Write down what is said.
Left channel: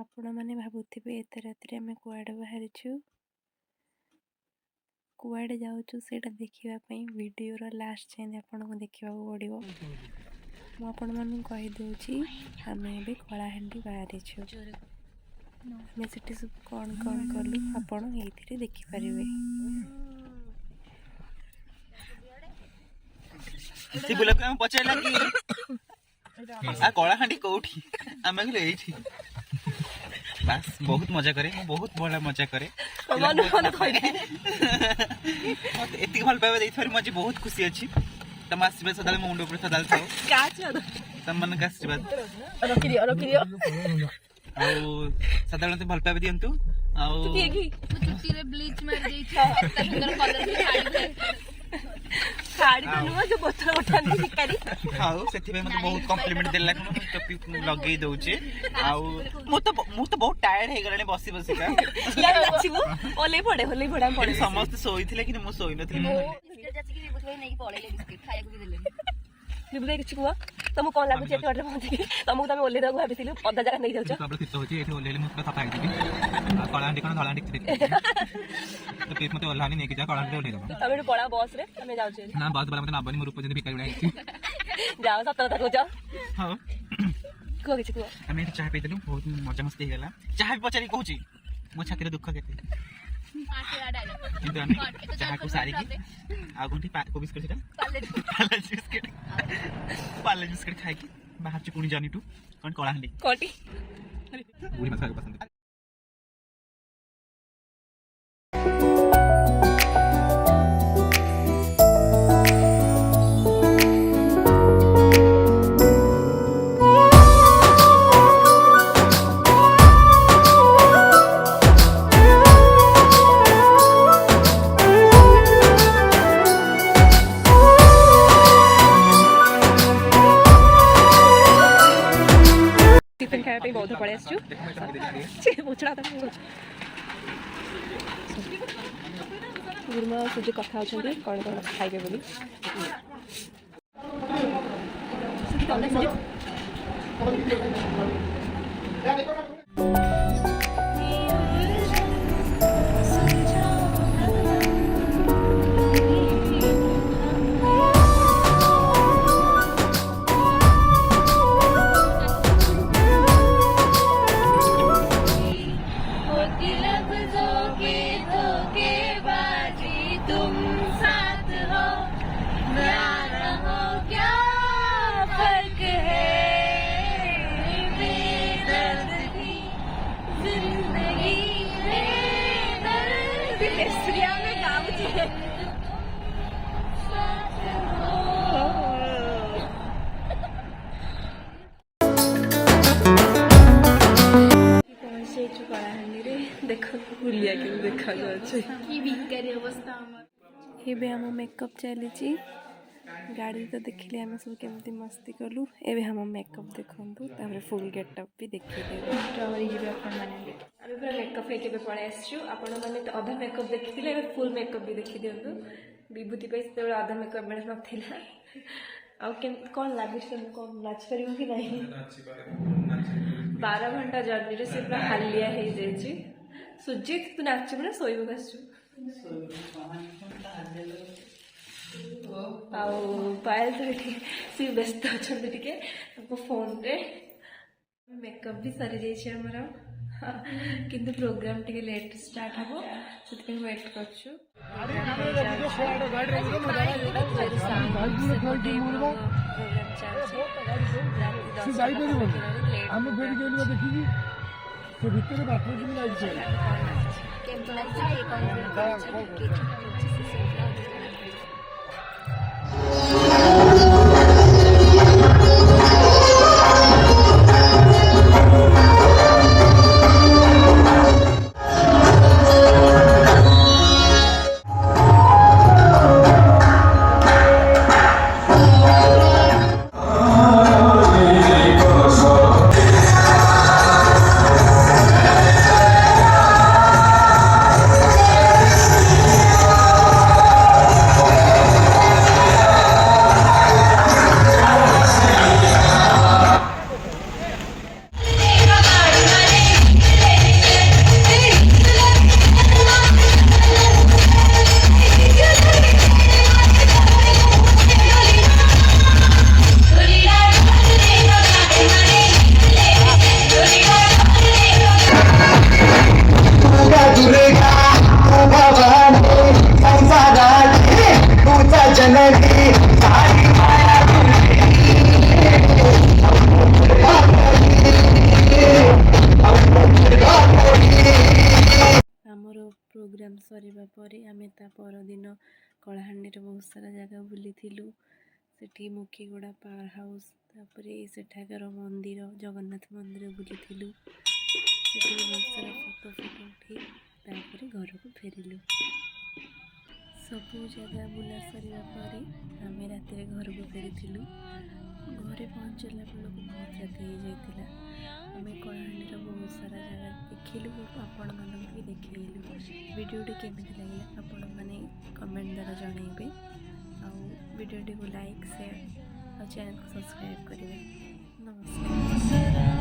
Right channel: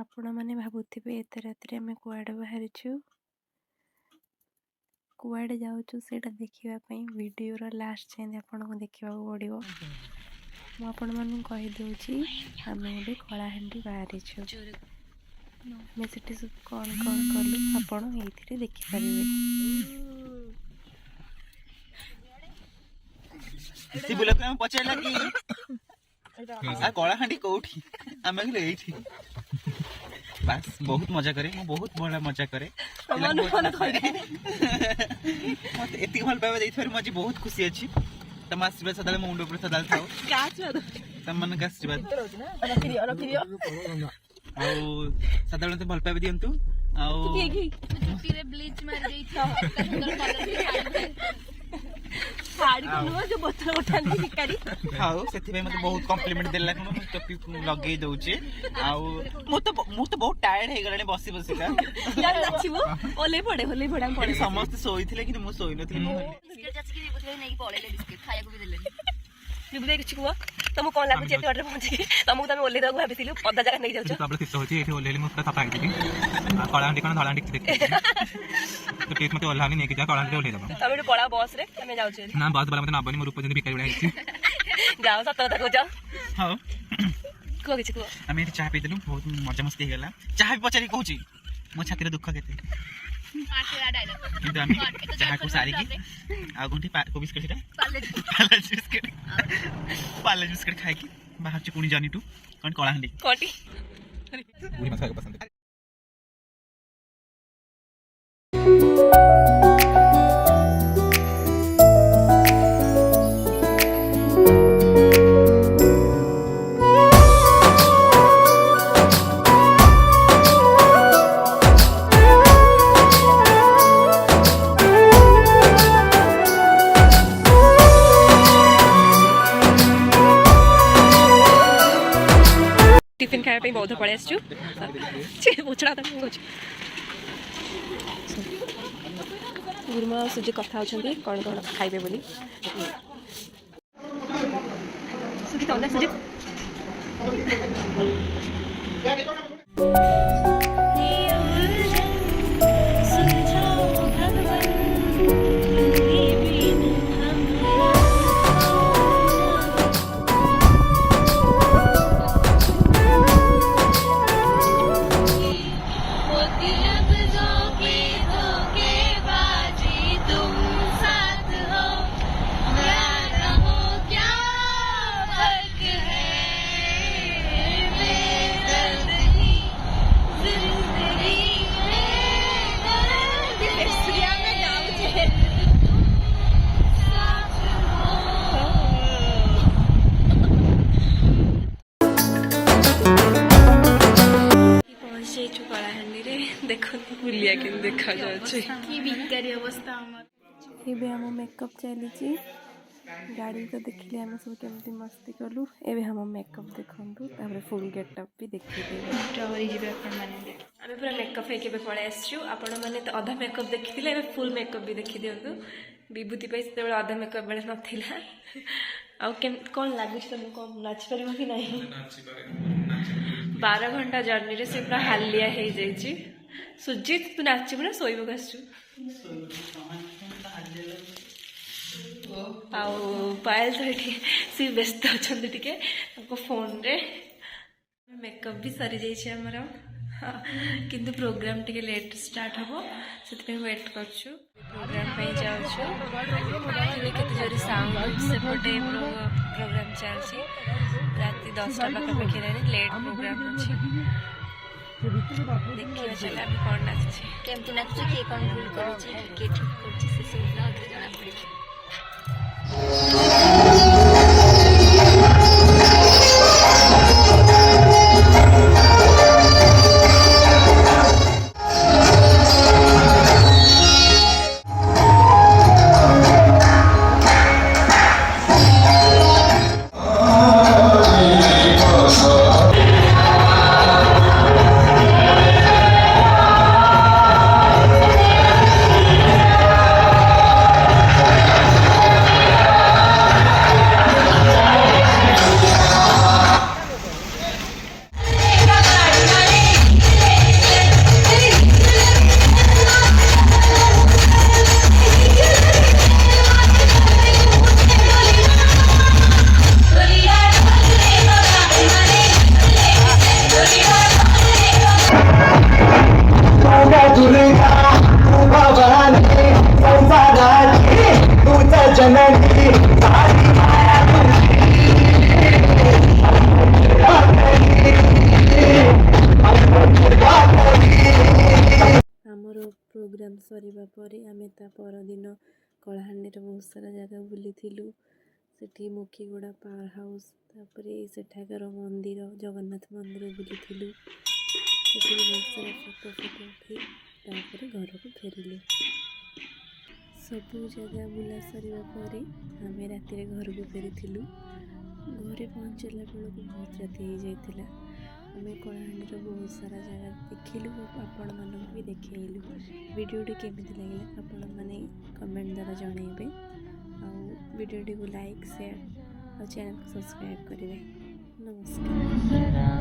ଆପଣମାନେ ଭାବୁଥିବେ ଏତେ ରାତିରେ ଆମେ କୁଆଡ଼େ ବାହାରିଛୁ, କୁଆଡ଼େ ଯାଉଛୁ ସେଇଟା ଦେଖିବା ପାଇଁ ଭିଡ଼ିଓର ଲାଷ୍ଟ ଯାଏଁ ଆପଣଙ୍କୁ ଦେଖିବାକୁ ପଡ଼ିବ। ମୁଁ ଆପଣମାନଙ୍କୁ କହିଦେଉଛି, ଆମେ ଏବେ କଳାହାଣ୍ଡି ବାହାରିଛୁ। ଆମେ ସେଠି ସବୁ କ'ଣ କଲୁ ଆପଣ ଏଇଥିରେ ଦେଖିପାରିବେ। ପଚାରିଲା କି କଳାହାଣ୍ଡି କୋଉଠି, ଆମେ କହିଲୁ ଏଇଠି। ବାସ୍ ବହୁତ ମଜା କରେ, ମୁଁ ବହୁତ ଭଲ ମଜା କରେ। ଏତିକି ଭଲ ପାଇବା ଦେଇଥିବାରୁ ମୁଁ ଆଜି ବହୁତ ଖୁସି ଅଛି। ତମ ଆଶୀର୍ବାଦ ସଦାବେଳେ ମୋ ମୁଣ୍ଡ ଉପରେ ସଦାବେଳେ ଥାଉ। ତମମାନଙ୍କ ଆଶୀର୍ବାଦ ଆଉ ସଦାବେଳେ ମତେ ଭଲ ପାଇବା ଦିଅନ୍ତୁ। ଆଉ ସେଥିପାଇଁ ମତେ ବହୁତ କମ୍ପ୍ଲିମେଣ୍ଟ ଦେଲା କଣ ଟୋପି ଲଗେଇ ଦଉଛି। ଆଉ ମୁଁ ତ ବହୁତ ଟାୟାର୍ଡ ହେଇଗଲାଣି ବସି ବସିକା। ସମସ୍ତେ ଶୋଇଥିଲେ କିନ୍ତୁ ମୁଁ ଶୋଇନଥିଲି। ବିଭୁତି କିଛି କୁହ, ତମକୁ କ'ଣ ଲାଗୁଛି ଏତେ ବାଟରେ ପହଞ୍ଚିକି? ତମକୁ ତମେ ଓହ୍ଲେଇ ଦେବାକୁ ଭାବିଥିଲୁ, ଅଧା ଜାଗା ନେଇ ଯାଉଛ। ଶୀତ ହଉଛି, ଏଠି ଓହ୍ଲେଇଲି ମୁଁ ପୁରା ସଫା ହେଇଯିବି। କଳାହାଣ୍ଡି କ'ଣ ଧଳାହାଣ୍ଡି କିଛି ଦେଖିବି ତ ପ୍ଲିଜ୍ ମତେ ଓହ୍ଲାନି ନେଇକି ଯା, କଳାହାଣ୍ଡିରେ ଓହ୍ଲେଇ ଦେବ। ତମେ ଏଠି ପଳାଅ ବସ୍ରେ, ଆମେ ଯାଉଛୁ। ନା ବସ୍ ବାଲା ମତେ ନବନି, ମୋ ରୂପ ଯେମିତି ଭିକାରୀ ଭଳିଆ ହେଇଛି। ଯାଅ, ସତ କଥା କହୁଛ। ହଉ କୁହ କିଛି କୁହ। ଆମେ ଏଠି ଚାହା ପିଇଦେଲୁ, ବହୁତ ମଜାମସ୍ତି ହେଇଗଲା। ଚାହା ବି ପଚାରି କହୁଛି ମୋ ଛାତିର ଦୁଃଖ କେତେ, କିନ୍ତୁ ଆମେ ଚାହାକୁ ସାରିକି ଆଉ କୋଉଠି ବିସ୍କେଟ ସେଟା ପାର୍ଲେ ବିସ୍କେଟ ଖାଇକି ବାହାରୁଛୁ ପୁଣି ଜର୍ଣ୍ଣି ଟୁ କ'ଣ କଳାହାଣ୍ଡି। ଟିଫିନ୍ ଖାଇବା ପାଇଁ ବୌଦ୍ଧ ପଳେଇ ଆସିଛୁ। ଗୁରୁମା ଆଉ ସୁଜି କଥା ହେଉଛନ୍ତି କ'ଣ କ'ଣ ଖାଇବେ ବୋଲି। ପହଞ୍ଚିଯାଇଛୁ କଳାହାଣ୍ଡିରେ। ଦେଖନ୍ତୁ ବୁଲିଆ କେମିତି ଦେଖାଯାଉଛି। ଏବେ ଆମ ମେକଅପ୍ ଚାଲିଛି। ଗାଡ଼ି ତ ଦେଖିଲେ ଆମେ ସବୁ କେମିତି ମସ୍ତି କଲୁ। ଏବେ ଆମ ମେକଅପ୍ ଦେଖନ୍ତୁ, ତାପରେ ଫୁଲ୍ ଗେଟଅପ୍ ବି ଦେଖିଦେବେ। ଡରିଯିବେ ଆପଣମାନେ। ଆମେ ପୁରା ମେକଅପ୍ ହେଇକି ଏବେ ପଳେଇ ଆସିଛୁ। ଆପଣମାନେ ତ ଅଧା ମେକଅପ୍ ଦେଖିଥିଲେ, ଏବେ ଫୁଲ୍ ମେକଅପ୍ ବି ଦେଖିଦିଅନ୍ତୁ। ବିଭୂତି ପାଇଁ ସେତେବେଳେ ଅଧା ମେକଅପ୍ ବେଳେ ନଥିଲା। ଆଉ କ'ଣ ଲାଗୁଛି ତମକୁ? କ'ଣ ନାଚିପାରିବ କି ନାହିଁ? 12 ଘଣ୍ଟା ଜର୍ଣ୍ଣିରେ ସେ ପୁରା ହାଲିଆ ହେଇଯାଇଛି। ସୁଜିତ ତୁ ନାଚିବୁ ନା ଶୋଇବାକୁ ଆସିଛୁ? ଆଉ ପାୟଲ ତ ଏଠି ସେ ବ୍ୟସ୍ତ ଅଛନ୍ତି ଟିକେ ତାଙ୍କ ଫୋନ୍ରେ। ମେକଅପ୍ ବି ସରିଯାଇଛି ଆମର, କିନ୍ତୁ ପ୍ରୋଗ୍ରାମ୍ ଟିକେ ଲେଟ୍ ଷ୍ଟାର୍ଟ ହେବ, ସେଥିପାଇଁ ୱେଟ୍ କରୁଛୁ। ପ୍ରୋଗ୍ରାମ୍ ପାଇଁ ଯାଉଛୁ। ସେପଟେ ପ୍ରୋଗ୍ରାମ୍ ଚାଲିଛି। ରାତି 10ଟା ପାଖାପାଖି ହେଲାଣି, ଲେଟ୍ ପ୍ରୋଗ୍ରାମ୍ ଅଛି। ଦେଖିବା ଚାଲ ଆମେ କ'ଣ ନାଚୁଛେ, କେମିତି ନାଚୁଛେ, କିଏ କ'ଣ ଭୁଲ କରୁଛି, କିଏ ଠିକ୍ କରୁଛି, ସେସବୁ ଜଣାପଡ଼ିବ। ସରିବା ପରେ ଆମେ ତା ପରଦିନ କଳାହାଣ୍ଡିର ବହୁତ ସାରା ଜାଗା ବୁଲିଥିଲୁ। ସେଠି ମୁଖିଗୁଡ଼ା ପାୱାର ହାଉସ୍, ତାପରେ ସେଠାକାର ମନ୍ଦିର ଜଗନ୍ନାଥ ମନ୍ଦିର ବୁଲିଥିଲୁ। ସେଠି ବହୁତ ସାରା ଫଟୋ ଉଠାଇ ତାପରେ ଘରକୁ ଫେରିଲୁ। ସବୁ ଜାଗା ବୁଲା ସରିବା ପରେ ଆମେ ରାତିରେ ଘରକୁ ଫେରିଥିଲୁ। ଘରେ ପହଞ୍ଚିଲା ବେଳକୁ ବହୁତ ରାତି ହେଇଯାଇଥିଲା। ଆମେ କଳାହାଣ୍ଡିର ବହୁତ ସାରା ଜାଗା ଦେଖିଲୁ ଓ ଆପଣମାନଙ୍କୁ ବି ଦେଖେଇଲୁ। ଭିଡ଼ିଓଟି କେମିତି ଲାଗିଲା ଆପଣମାନେ କମେଣ୍ଟ ଦ୍ୱାରା ଜଣାଇବେ। ଆଉ ଭିଡ଼ିଓଟିକୁ ଲାଇକ୍, ସେୟାର ଆଉ ଚ୍ୟାନେଲକୁ ସବସ୍କ୍ରାଇବ୍ କରିବେ। ନମସ୍କାର।